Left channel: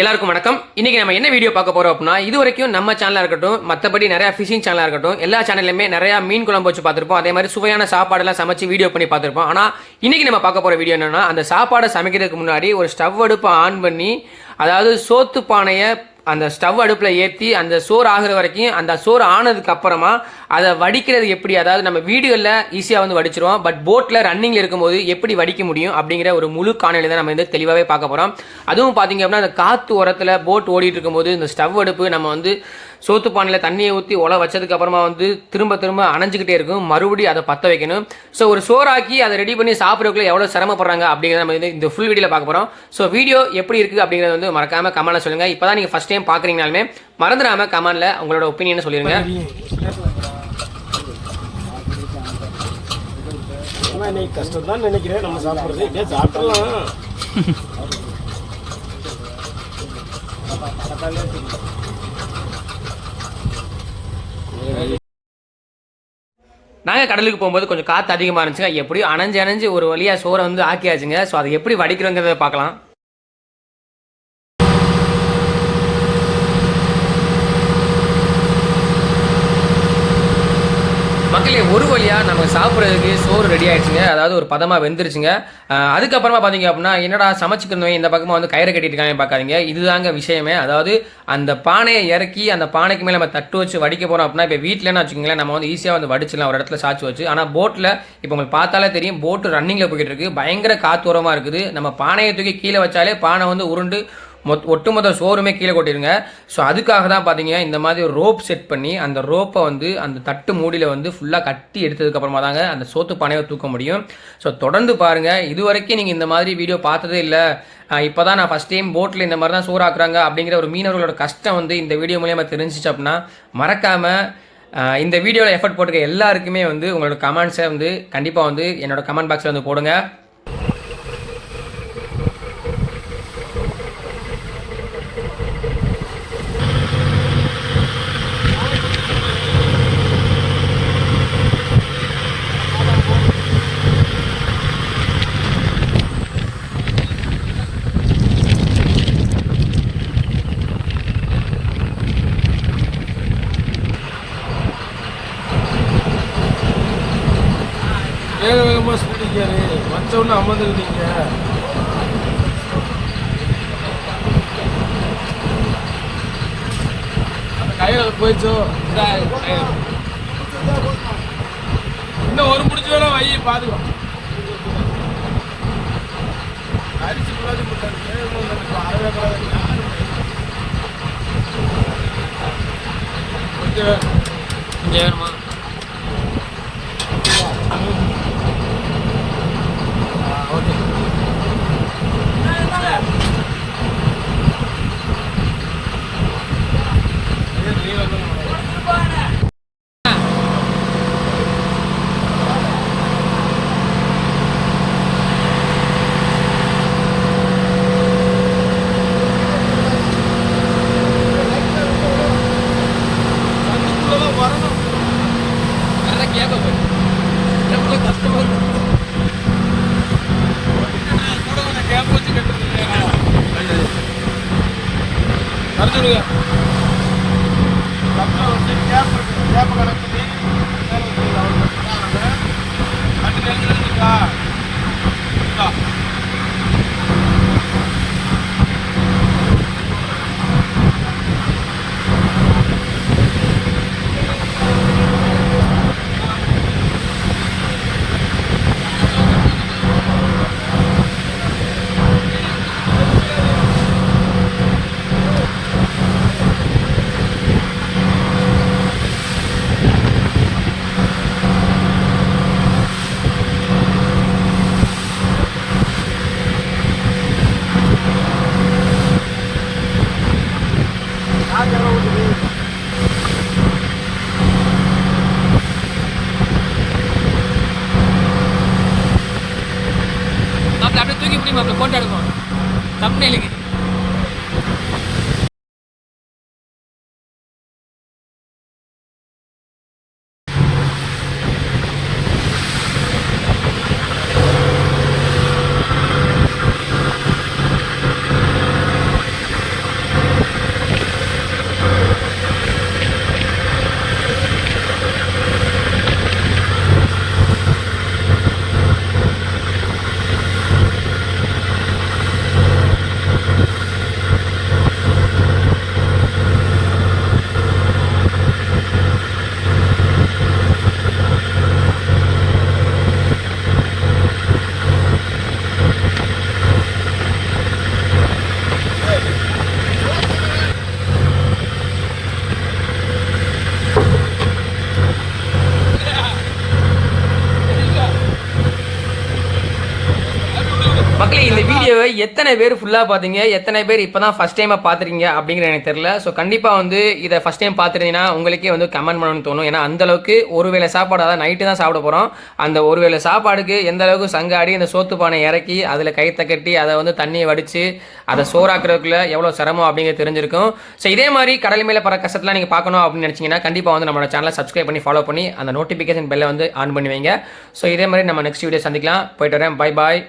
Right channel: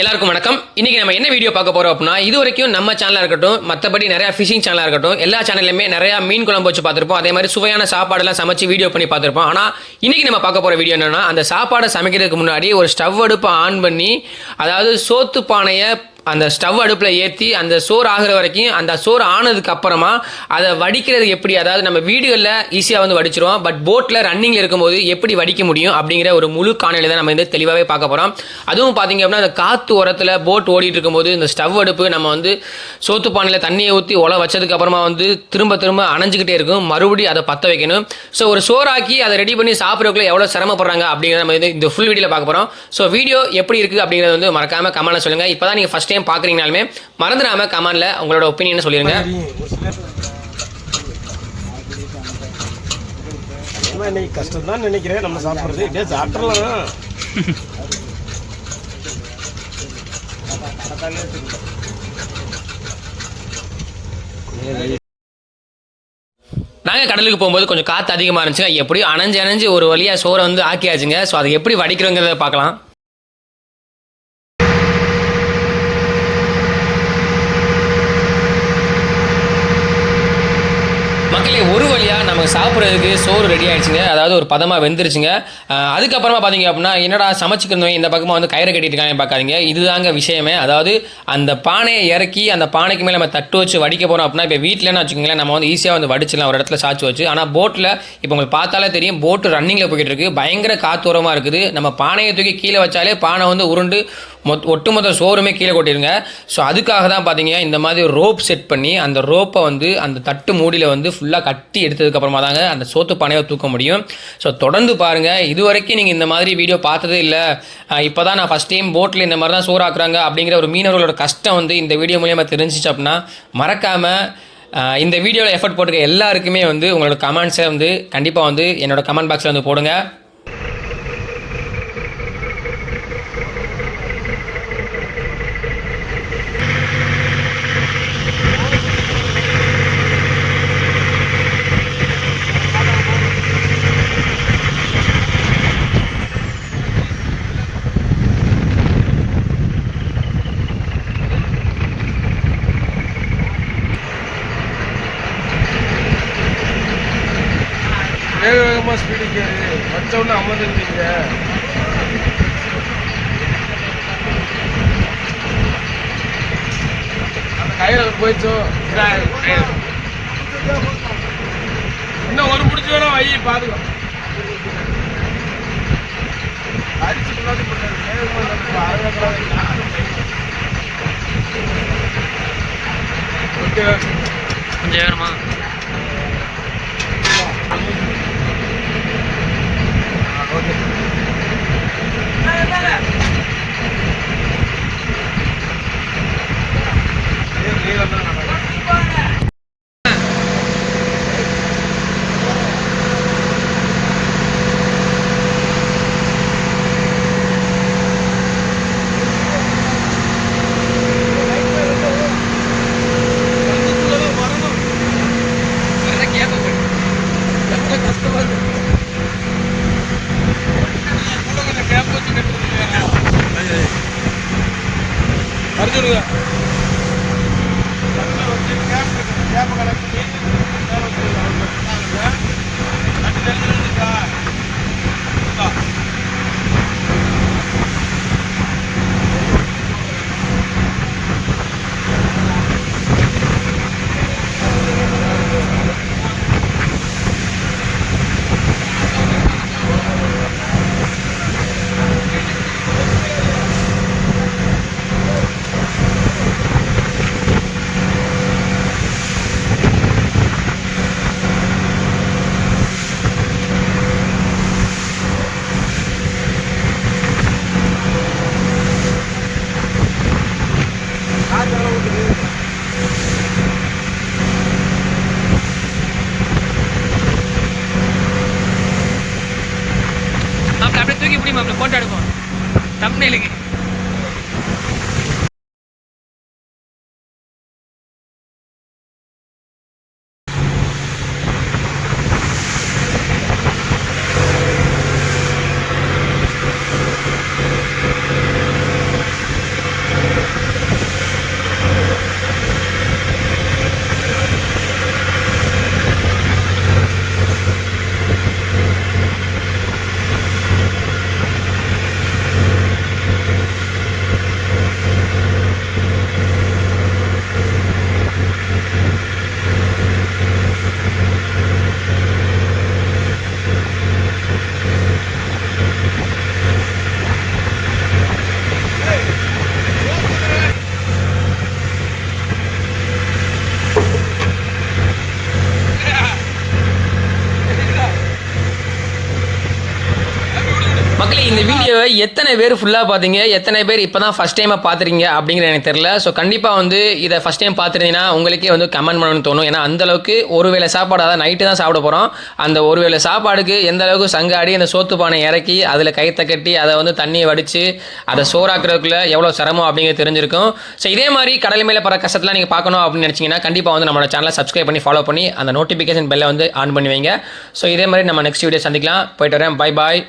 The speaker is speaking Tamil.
எல்லாருக்கும் வணக்கம். இன்னைக்கு நம்ம என்ன வீடியோ பார்க்க போறோம் அப்படின்னா, இது வரைக்கும் நம்ம சேனலா இருக்கட்டும், மற்றபடி நிறைய ஃபிஷிங் சேனலா இருக்கட்டும், எல்லா சேனல்லையுமே நிறைய மீன் குழம்பு வச்சு பார்த்துருப்போம். அதே மாதிரி சுவையான சாப்பாடெல்லாம் சமைச்சு வீடியோ பண்ணி பார்த்துருப்போம். ஆனால் இன்னைக்கு நம்ம பார்க்க போற வீடியோ என்னன்னா, அந்த சாப்பாடை சமைக்கிறதுக்கு முன்னாடி ஒரு ஸ்டவ் அடுப்பை ஆன் பண்ணி, அதாவது சோத்து பானையை அந்த ஸ்டவ் அடுப்பில் ஏற்றி அந்த சோறு ஆகிற வரைக்கும், அந்த சோறு ஆனதுக்கு அப்புறமா அதை வடிக்கிறது எப்படி, அதாவது நம்ம வீடுகளில் ஈஸியாக வந்து வடிச்சிருவோம், பட் போட்டில் ரன்னிங்கில் இருக்கும்போது எப்படி வடிக்க முடியும் அப்படிங்கிற ஒரு முழு காணொலி தான் நம்ம வந்து தெளிவாகவே பார்க்க போகிறோம். அதுவும் பார்த்தீங்க அப்படின்னா, அந்த காற்று உரத்தில் போட் ஓடிட்டு இருக்கும்போது இந்த ஸ்டவ் அடுப்பு நம்ம வந்து சோத்து பானையில் தண்ணியை ஊற்றி ஒலை வச்சதுக்கு அப்புறமா வந்து திரும்ப திரும்ப அணைஞ்சிக்கிட்டே இருக்கும், மறுபடியும் அதை பற்ற வைக்கணும். ஸோ ஒரு சோறாக்கி அதை ரெடி பண்ணி சாப்பிட்றதுக்குள்ள எவ்வளோ சிரமப்படுறாங்க அப்படிங்கிறத நம்ம இந்த ஃபுல் வீடியோவில் பார்க்க போகிறோம். ஸோ வீடியோ எப்படி இருக்குது அப்படிங்கிறத வந்து மறக்காமல் கமெண்ட்டில் சொல்லுங்கள். இப்போ தான் நீங்கள் ஃபஸ்ட் டைம் பார்க்குறீங்கனாலுமே மறந்துடாம கமெண்ட்ல உங்களோட ஒப்பீனியன் சொல்லிருங்க. கஷ்டம் தான் நினைக்கிறேன் நம்ம சாப்பிடுறது. சாப்பிடலாம். நாங்கள் கடலுக்கு போகும்போது கொஞ்சம் காற்று அதிகமாக இருந்துச்சுங்க. எப்படியும் அணைஞ்சு ஒரு வழியாக சோறை வந்து ஆக்கியாச்சுங்க. ஸோ அதை எப்படி வடிக்கிறோங்கிறத பார்க்கலாம். மக்களே, ஒரு வழியாக நமக்கு சாப்பிட்றதுக்கு சோறு ரெடி ஆகிடுச்சுங்க. அதாவது ஒரு பதமாக வெந்துருச்சுங்க. அதுக்கப்புறமா பார்த்தீங்க அப்படின்னா, என்னடா சமைச்சிக்கிறவங்க இந்த பக்கமாக வந்து கயிறு கட்டிட்டு பார்க்காதீங்க. இதுதாங்க விஷயமே. அதாவது அந்த பானையை இறக்கி அந்த பானைக்கு மேலே நம்ம தட்டு வச்சு வடிக்க போகிறோம் அப்படின்னா, இப்போ வீட்டிலன்னு வச்சுக்கோங்களேன், நம்ம வந்து ஈஸியாக வந்து வடிச்சிடலாம் ஒரு இடத்துல சாச்சு வச்சு. ஆனால் போட்டில் இப்போ உங்களுக்கு பார்த்தாலே தெரியும், போட்டு ரன்னிங்கில் போய்கிட்டு இருக்குது, பயங்கர காத்தூரமாக இருக்குது. நம்ம பானையை தூக்கி கீழே வச்சாலே பானை வந்து உருண்டு ஒட்டுமொத்த சோறுமே கீழே கொட்டிடுங்க. ஸோ அதுக்காக தான் பார்த்தீங்கன்னா இந்த மாதிரி ரோப் செட் பண்ணி அந்த ரோப்பை வந்து அந்த தட்டு மூடியில் வந்து ஃபுல்லாக கட்டி எடுத்ததுக்கப்புறமா தாங்க அந்த சோத்து பானையை தூக்க முடியும். ஸோ தொடர்ந்து பாருங்கள். இது வரைக்கும் நீங்கள் இந்த மாதிரி வீடியோ பார்த்ததே இல்லை, இப்போ தான் நான் ஃபஸ்ட் டைம் போட்டில் இந்த மாதிரி தான் சோறாக்குறாங்க அப்படிங்கிற ஒரு மீனவர்களோட கஷ்டம் வந்து இந்த வீடியோ மூலியமாக தெரிஞ்சிச்சு அப்படின்னா, மறக்காமல் இந்த வீடியோவில் எஃபர்ட் போட்டுக்க எல்லாருக்குமே வந்து உங்களோட கமெண்ட்ஸை வந்து கண்டிப்பாக வந்து என்னோடய கமெண்ட் பாக்ஸில் வந்து போடுங்க. வேகமாக ஸ்பீடுக்கு வச்ச உடனே அமர்ந்துருக்கீங்க. கையில் போயிச்சோ இன்னும் ஒரு முடிச்சோட வை பாதுகாப்பு அரிசி கொஞ்சம் வேணுமா? அப்படியே தூக்கி பிடிமா, அப்படியே போட்டோ எடுப்போம் தம்ப்நெயிலுக்கு. பேர் ஃபுல்லாக பார்த்தீங்க, எத்தனை பேர் இப்போ தான் ஃபஸ்ட் டைமாக பார்த்துறீங்க அப்படிங்கிற எனக்கு தெரியல. ஸோ கண்டிப்பாக வந்து இதை ஃபஸ்ட் டைம் பார்த்துருந்தீங்கன்னா உங்களுக்கே வந்து கமெண்ட் பண்ணணும்னு தோணும். ஏன்னா அந்தளவுக்கு ஒரு வேளை சாப்பாடு, அதாவது நைட்டு தான் சாப்பிட போகிறோம். அந்த ஒரு வேளை சாப்பாடுக்கு எந்த அளவுக்கு சங்காடி அந்த சோத்து பானை இறக்கி அதில் கைத்தை கட்டி அதை வந்து தண்ணியை வடித்து அதை சோறாக்குறதுக்குள்ள எவ்வளோ சிரமம் அப்படிங்கிறது தெரிஞ்சிருக்கும். ஸோ இதே மாதிரி கடல் மேலே பற கஷ்டத்தில் நீங்கள் பார்க்கணும் அப்படின்னு நினச்சிங்கன்னா கண்டிப்பாக வந்து நம்மளோட சேனலை சப்ஸ்கிரைப் பண்ணி ஃபாலோ பண்ணி அந்த நோட்டிஃபிகேஷன் பெல்லை வந்து ஆன் பண்ணி வைங்க. ஸோ இதே மாதிரி நம்ம நெக்ஸ்ட் வீடியோ சந்திக்கலாம். போயிட்டு வரேன். Bye bye.